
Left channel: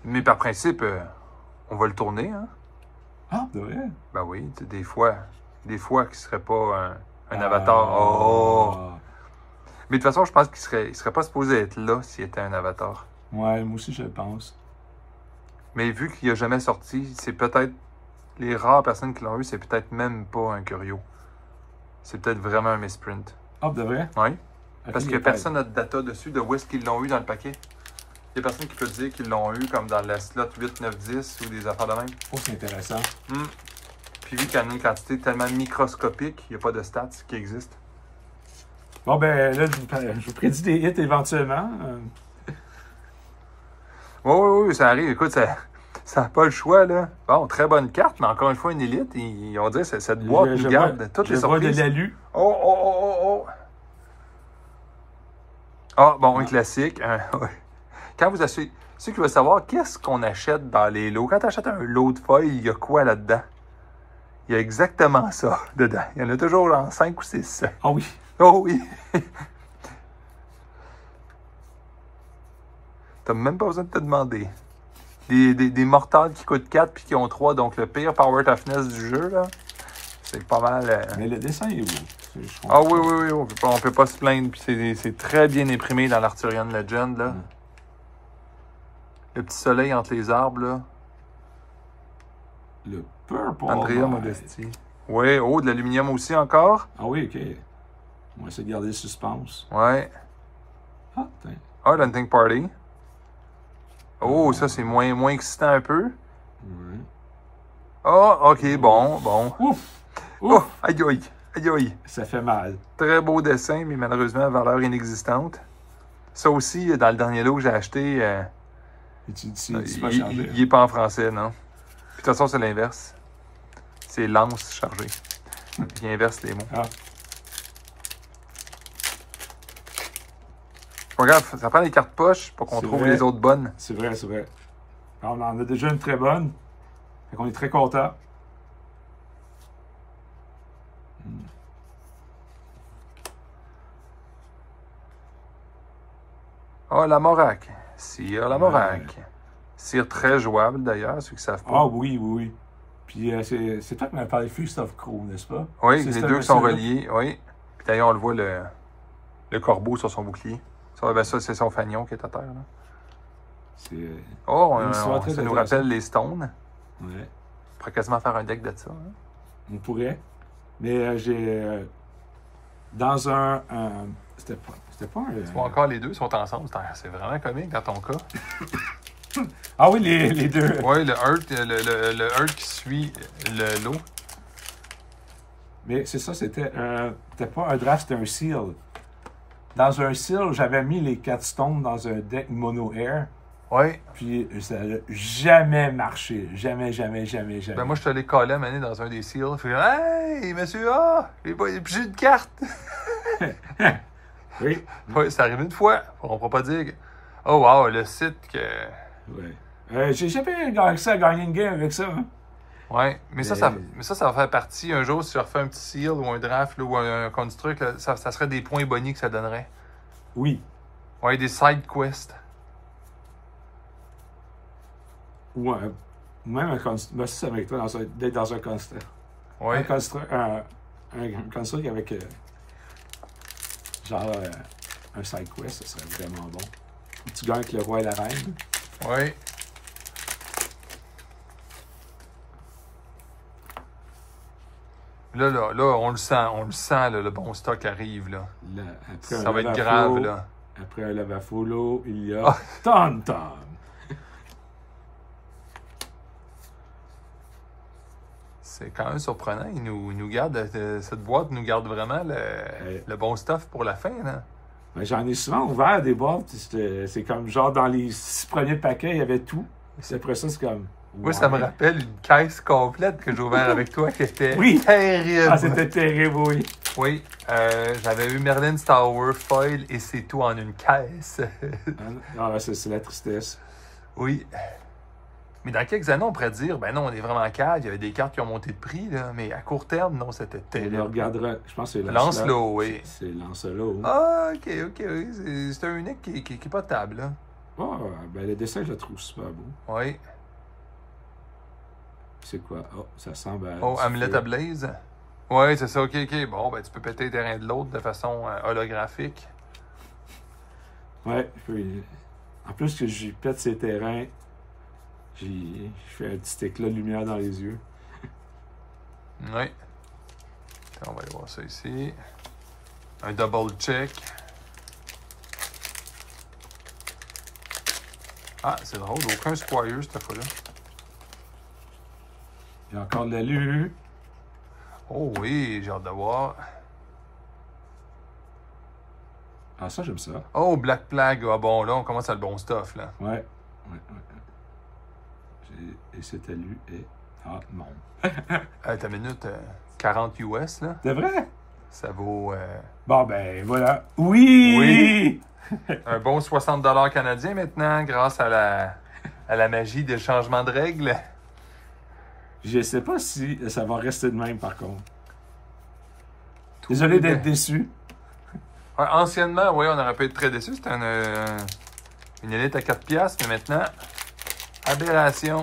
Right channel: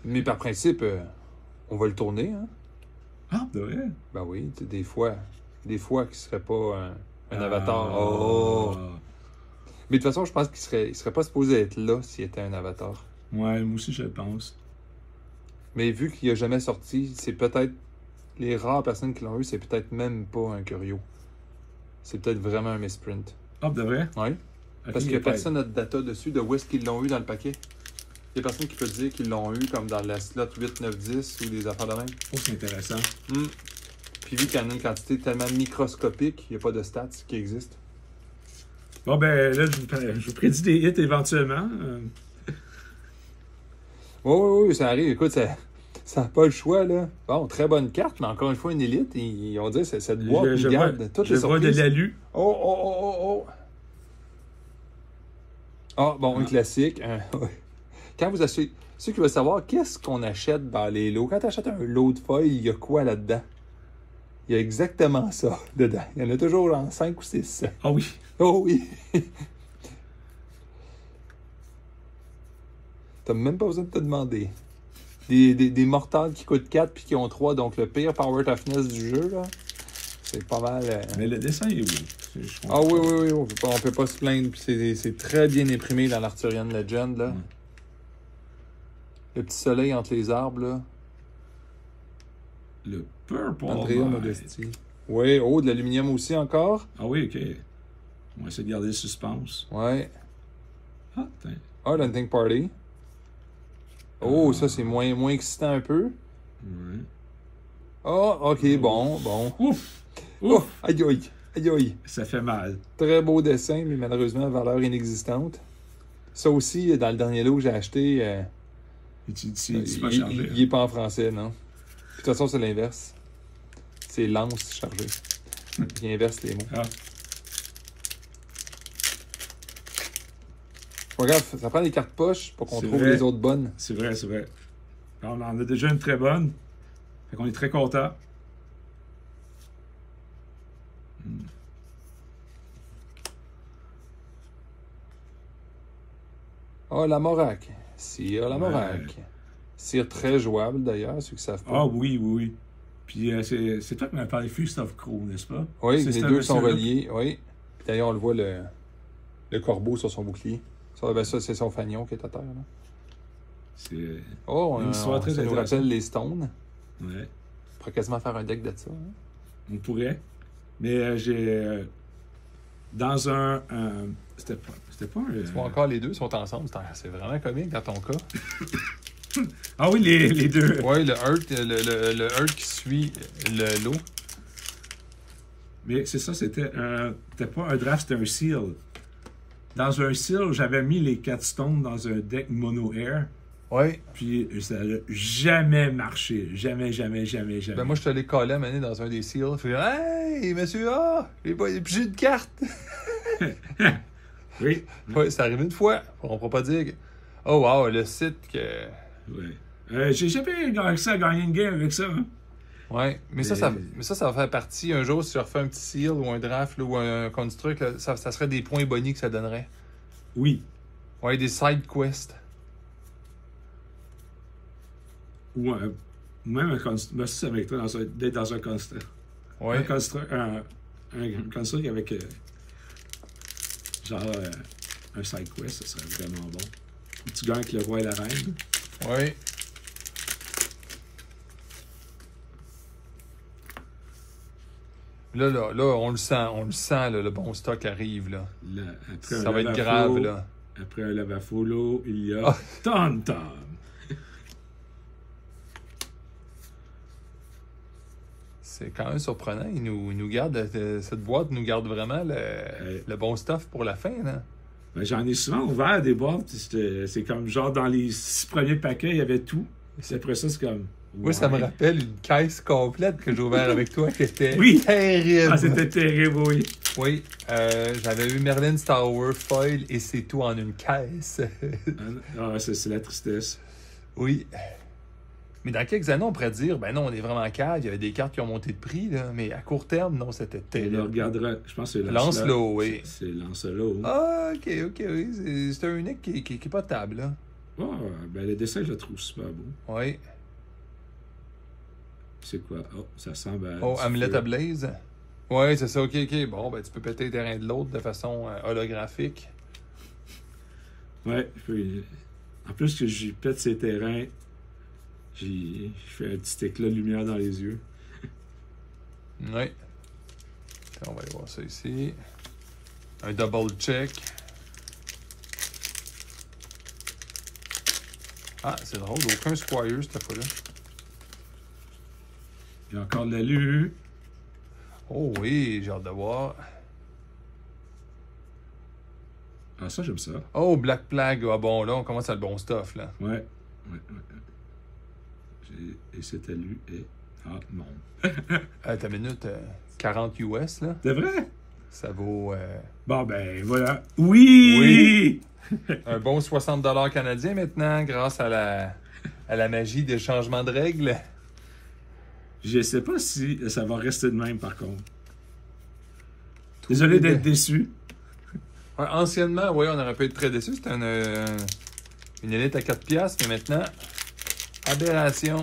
Mais par principe, on va le tourner, hein? Ah, de vrai? Ben oui, tu sais, des fois qu'il serait pas un avatar. Oh! Mais de toute façon, je pense qu'il serait pas supposé être là s'il était un avatar. Ouais, moi aussi je le pense. Mais vu qu'il n'a jamais sorti, c'est peut-être les rares personnes qui l'ont eu, c'est peut-être même pas un Curio. C'est peut-être vraiment un misprint. Ah, de vrai? Oui. Okay, Parce que personne n'a de data dessus de où est-ce qu'ils l'ont eu dans le paquet. Il y a personne qui peut dire qu'ils l'ont eu comme dans la slot 8, 9, 10 ou des affaires de même. Oh, c'est intéressant. Puis vu qu'il y en a une quantité tellement microscopique, il n'y a pas de stats qui existent. Bon, ben là, je vous prédis des hits éventuellement. Oui, ça arrive. Écoute, ça n'a pas le choix, là. Bon, très bonne carte, mais encore une fois, une élite. On dirait que cette boîte nous garde toutes les surprises. Je vois de l'alu. Oh! Ah, bon, un classique. Quand vous achetez... Ceux qui veulent savoir, qu'est-ce qu'on achète dans les lots? Quand tu achètes un lot de feuilles, il y a quoi là-dedans? Il y a exactement ça dedans. Il y en a toujours en 5 ou 6. Ah oui. Oh oui! T'as même pas besoin de te demander. Des mortales qui coûtent 4 puis qui ont 3, donc le pire power toughness du jeu, là. C'est pas mal. Mais le dessin est beau. Ah oui, on peut pas se plaindre. Puis c'est très bien imprimé dans l'Arthurian Legend, là. Le petit soleil entre les arbres, là. Le Purple. Andrea Modesti. Oui, oh, de l'aluminium aussi encore. Ah oui, ok. On va essayer de garder le suspense. Ouais. Ah, tiens. Ah, l'Hunting Party. Oh, ça, c'est moins excitant un peu. Ouais. Oh, ok, bon, bon. Ouf! Oh, Ouf! aïe, aïe, aïe, aïe. Ça fait mal. Très beau dessin, mais malheureusement, valeur inexistante. Ça aussi, dans le dernier lot que j'ai acheté, Et tu pas chargé. il est pas en français, non? Puis de toute façon, c'est l'inverse. C'est lance chargé. Il inverse les mots. Ah, Regarde, ça prend les cartes poches pour qu'on C'est trouve vrai. les autres bonnes. c'est vrai, c'est vrai. Alors, on en a déjà une très bonne. Fait qu'on est très content. Ah, la Morac. Cire la Morac. Ouais. Cire très jouable d'ailleurs, ceux qui savent pas. Ah oui, oui, oui. Puis c'est toi qui m'as parlé Feast of Crow, n'est-ce pas? Oui, C'est les ce deux sont monsieur-là? reliés, oui. Puis d'ailleurs, on le voit, le corbeau sur son bouclier. Ça, ben ça c'est son fanion qui est à terre. Là. C'est Oh, une histoire très ça nous intéressante. rappelle les stones. Ouais. On pourrait quasiment faire un deck de ça. Hein. On pourrait. Mais j'ai. Dans un. C'était pas un. Tu vois encore, les deux sont ensemble. C'est vraiment comique dans ton cas. Ah oui, les deux. Oui, le Earth qui suit le lot. Mais c'est ça, c'était pas un draft, c'était un seal. Dans un seal, j'avais mis les 4 stones dans un deck mono air. Oui. Puis ça n'a jamais marché. Jamais, jamais, jamais, jamais. Ben moi, je te l'ai collé à mener dans un des seals. Je fais hey, monsieur A, j'ai une carte. Oui. Oui, c'est arrivé une fois. On ne pourra pas dire que. Oh, wow, le site que. Ouais. J'ai jamais réussi à gagner une game avec ça. Hein. Ouais, mais ça va faire partie. Un jour, si je refais un petit seal ou un draft là, ou un construct, là, ça serait des points bonus que ça donnerait. Oui. Ouais, des side quests. Ou même un construct. Moi, c'est avec toi, d'être dans un construct. Ouais. Un construct avec un side quest, ça serait vraiment bon. Où tu gagnes avec le roi et la reine. Oui. Là, on le sent, là, le bon stock arrive, là. Là, après Ça un va être Lava grave, Flow, là. Après un Lava Follow, il y a Ah. Tom Tom. C'est quand même surprenant. Il nous garde, cette boîte nous garde vraiment le bon stuff pour la fin, là. Ben, j'en ai souvent ouvert des boîtes. C'est comme genre dans les 6 premiers paquets, il y avait tout. Puis après ça, c'est comme. Moi, ça me rappelle une caisse complète que j'ai ouverte avec toi qui était Oui. terrible. Ah, c'était terrible, oui. Oui, j'avais eu Merlin's Tower foil et c'est tout en une caisse. Ah, c'est la tristesse. Oui. Mais dans quelques années, on pourrait dire, ben non, on est vraiment calme, il y avait des cartes qui ont monté de prix, là, mais à court terme, non, c'était On terrible. le regardera. Je pense que c'est Lancelot, oui. C'est Lancelot. Ah, ok, oui. C'est un unique qui est potable, là. Ah, ben le dessin, je le trouve super beau. Oui. C'est quoi? Oh, ça semble. Oh, Amulet Ablaze. Oui, c'est ça, ok. Bon, ben tu peux péter les terrains de l'autre de façon holographique. Ouais, en plus que j'y pète ses terrains, je fais un petit éclat de lumière dans les yeux. Oui. On va aller voir ça ici. Un double check. Ah, c'est drôle, aucun Squire cette fois-là. Il y a encore de l'alu. Oh oui, j'ai hâte de voir. Ah, ça, j'aime ça. Oh, Black Plague. Ah bon, là, on commence à le bon stuff, là. Ouais. Et cet alu est. Ah, non. T'as une minute, 40 US, là. C'est vrai? Ça vaut Bon, ben, voilà. Oui! un bon 60$ canadiens maintenant, grâce à la magie des changements de règles. Je sais pas si ça va rester de même, par contre. Désolé d'être déçu. Ouais, anciennement, oui, on aurait pu être très déçus. C'était une élite à 4$, mais maintenant, aberration.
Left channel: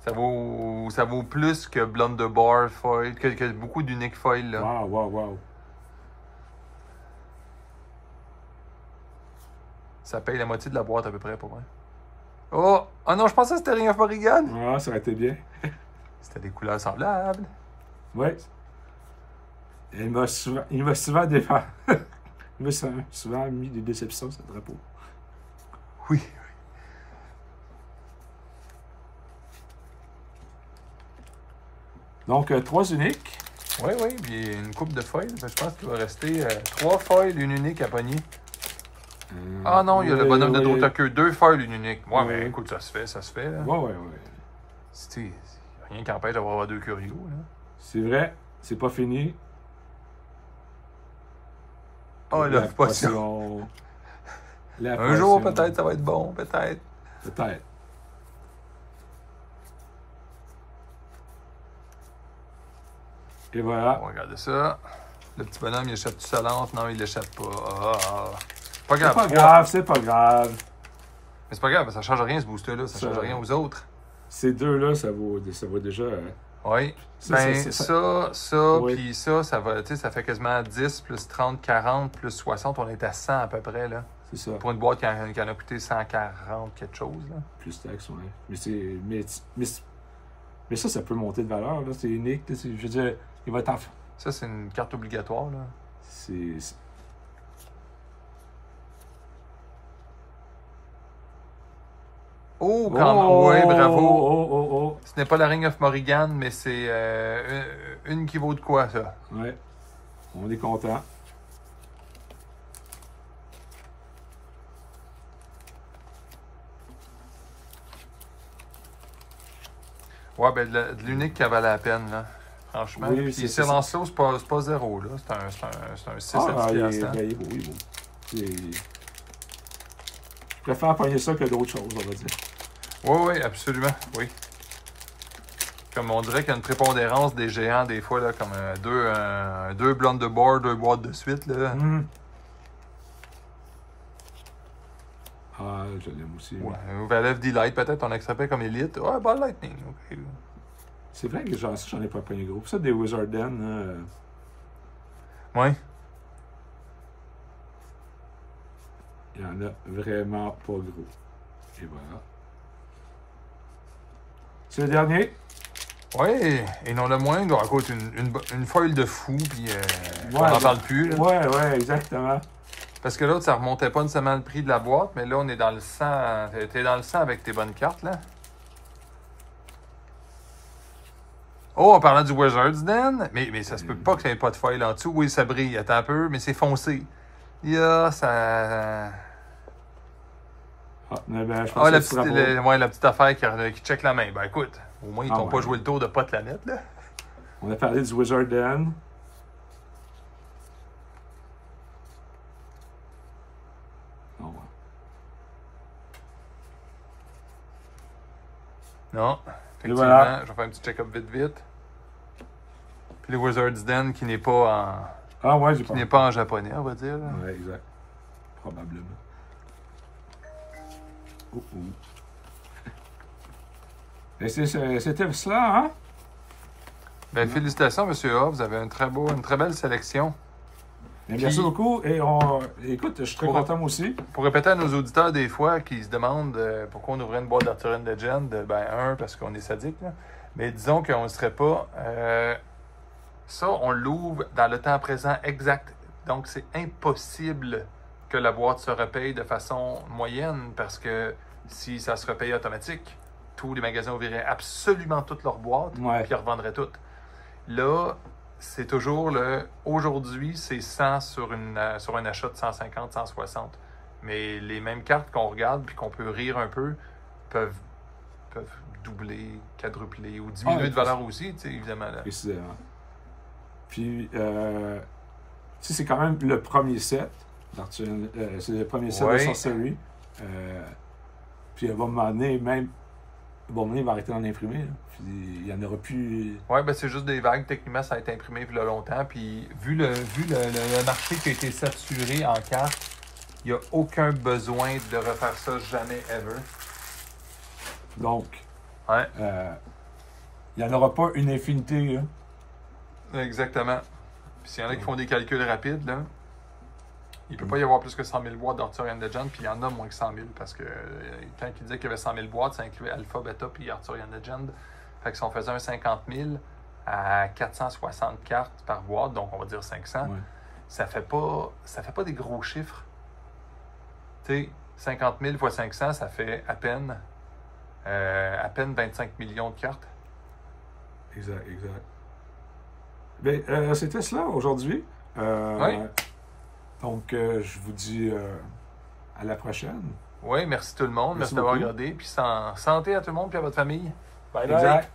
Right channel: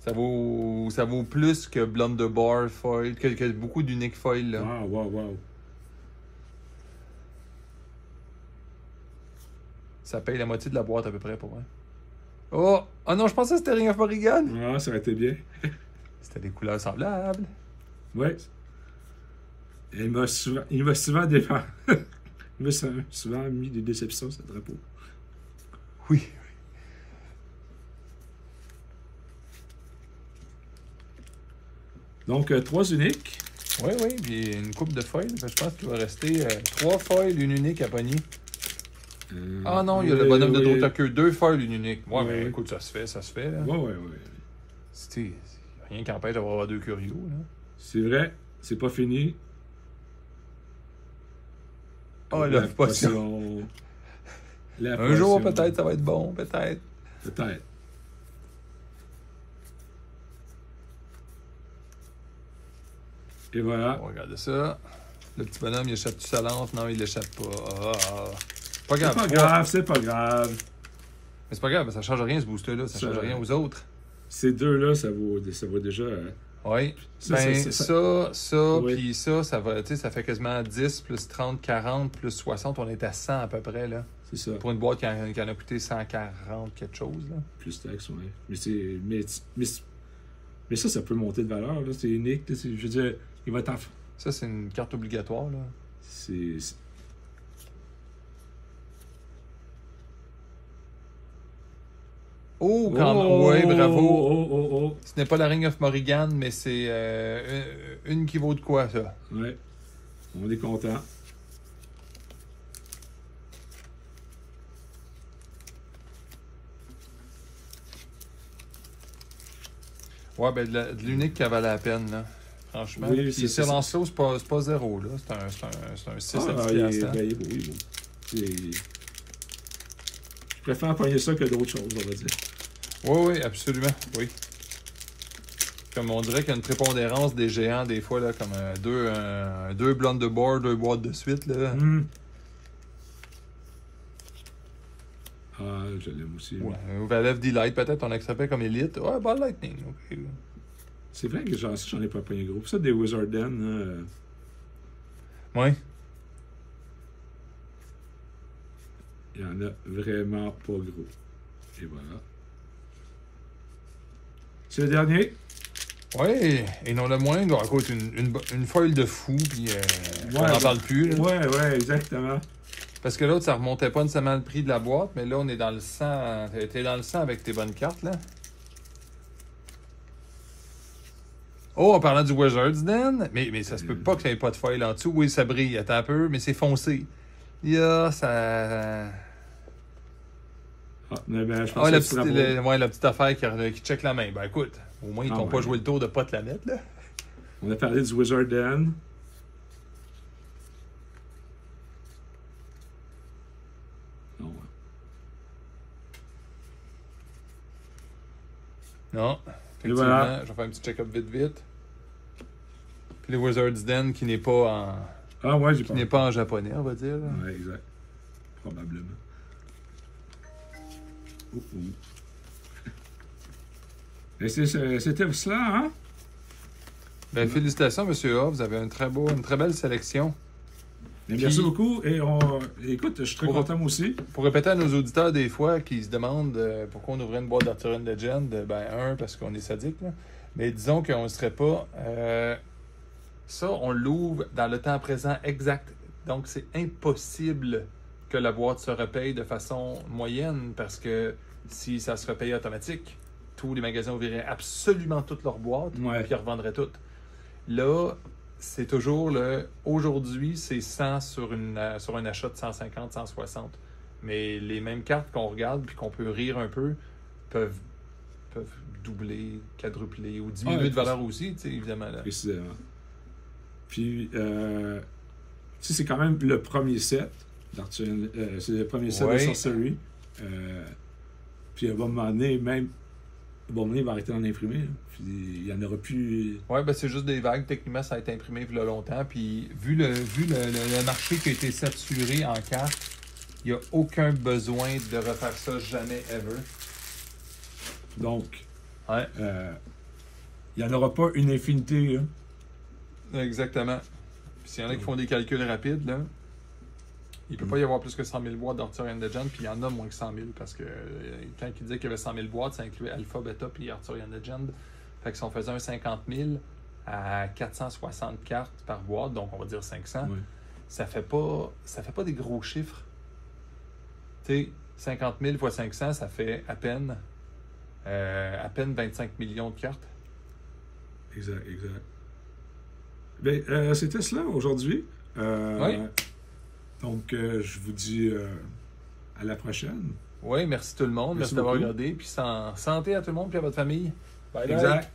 Ça vaut plus que Blunderbar foil, que beaucoup d'uniques foils, là. Wow. Ça paye la moitié de la boîte à peu près pour moi. Oh! Oh non, je pensais que c'était Ring of Morrigan! Ah, ça aurait été bien. C'était des couleurs semblables. Ouais. Il m'a souvent défendu. Il m'a souvent mis des déceptions, ce drapeau. Oui. Donc, 3 uniques. Oui, oui, puis une coupe de foils. Je pense qu'il va rester 3 foils, une unique à pogner. Ah non, il y a le bonhomme de Dotaku, 2 foils, une unique. Ouais, mais écoute, ça se fait, là. Ouais. C'est rien qui empêche d'avoir 2 curios, là. C'est vrai, c'est pas fini. Oh, la potion. Un jour, peut-être, ça va être bon, peut-être. Peut-être. Et voilà. On va regarder ça. Le petit bonhomme, il échappe-tu sa lance? Non, il l'échappe pas. Pas grave. C'est pas grave, c'est pas grave. Mais c'est pas grave, ça change rien, ce booster-là. Ça change rien aux autres. Ces deux-là, ça vaut déjà... Oui. Ça, oui. Puis ça va, tu sais, ça fait quasiment 10 plus 30, 40 plus 60. On est à 100 à peu près, là. C'est ça. Pour une boîte qui en a coûté 140 quelque chose, là. Plus taxe, oui. Mais ça peut monter de valeur, là. C'est unique, je veux dire, il va être en... Ça, c'est une carte obligatoire, là. C'est... Oh, quand... oui, bravo. Oh. Ce n'est pas la Ring of Morrigan, mais c'est une qui vaut de quoi, ça? Ouais. On est content. Ouais, ben de l'unique qui valait la peine, là. Franchement. Oui, puis c'est Lancelot, c'est pas zéro, là. C'est un 6 à 10 il piastres. est beau, il est beau. Je préfère pogner ça que d'autres choses, on va dire. Oui, absolument, oui. Comme on dirait qu'il y a une prépondérance des géants, des fois, là, comme deux blondes de bord, 2 boîtes de suite, là. Ah, je l'aime aussi. Ouais, Valve Delight, peut-être, on acceptait comme élite. Ouais, Ball Lightning, ok. C'est vrai que j'en ai pas pogné gros. Ça, des Wizard Den, Oui. il y en a vraiment pas gros. Et voilà. C'est le dernier. Oui, et non le moindre, écoute, une foil de fou, puis on n'en parle plus. Là. Ouais, exactement. Parce que l'autre, ça remontait pas nécessairement le prix de la boîte, mais là, on est dans le sang. T'es dans le sang avec tes bonnes cartes, là. Oh, en parlant du Wizard's Den, mais ça se peut pas qu'il n'y ait pas de foil en dessous. Oui, ça brille, attends un peu, mais c'est foncé. Ça... Mais ben, je pense la petite affaire qui check la main. Ben écoute, au moins, ils t'ont pas joué le tour de pas te la mettre, là. On a parlé du Wizard Den. Non, effectivement, voilà. Je vais faire un petit check-up vite. Puis le Wizard's Den qui n'est pas en... Ah ouais, qui n'est pas en japonais, on va dire. Oui, exact. Probablement. Et c'était ça, hein? Ben, félicitations, M. A. Vous avez une très belle sélection. Merci beaucoup. Et écoute, je suis très content moi aussi. Pour répéter à nos auditeurs des fois qui se demandent pourquoi on ouvrait une boîte d'Arthurian Legend, ben parce qu'on est sadique, là. Mais disons qu'on ne serait pas... ça, on l'ouvre dans le temps présent exact. Donc, c'est impossible que la boîte se repaye de façon moyenne parce que si ça se repaye automatique, tous les magasins ouvriraient absolument toutes leurs boîtes puis ils revendraient toutes. Là, c'est toujours aujourd'hui, c'est 100 sur un achat de 150, 160. Mais les mêmes cartes qu'on regarde puis qu'on peut rire un peu peuvent doubler, quadrupler ou diminuer de valeur aussi, tu sais, évidemment. Là. Précisément. Puis, tu sais, c'est quand même le premier set. C'est le premier set de sorcellerie. Puis, à un moment donné, il va arrêter d'en imprimer. Puis, il n'y en aura plus. Oui, ben c'est juste des vagues. Techniquement, ça a été imprimé il y a longtemps. Puis, vu le marché qui a été saturé en cartes, il n'y a aucun besoin de refaire ça jamais, ever. Donc, il n'y en aura pas une infinité. Hein? Exactement. Puis s'il y en a qui font des calculs rapides, là, il ne peut pas y avoir plus que 100 000 boîtes d'Arthurian Legend, puis il y en a moins que 100 000, parce que quand il disait qu'il y avait 100 000 boîtes, ça incluait Alpha, Beta, puis Arthurian Legend. Fait que si on faisait un 50 000 à 460 cartes par boîte, donc on va dire 500, ça fait pas des gros chiffres. Tu sais, 50 000 fois 500, ça fait à peine 25 millions de cartes. Exact. Ben, c'était cela aujourd'hui. Oui. Donc, je vous dis à la prochaine. Oui, merci tout le monde. Merci d'avoir beaucoup. regardé. Puis santé à tout le monde puis à votre famille. Bye bye. Exact.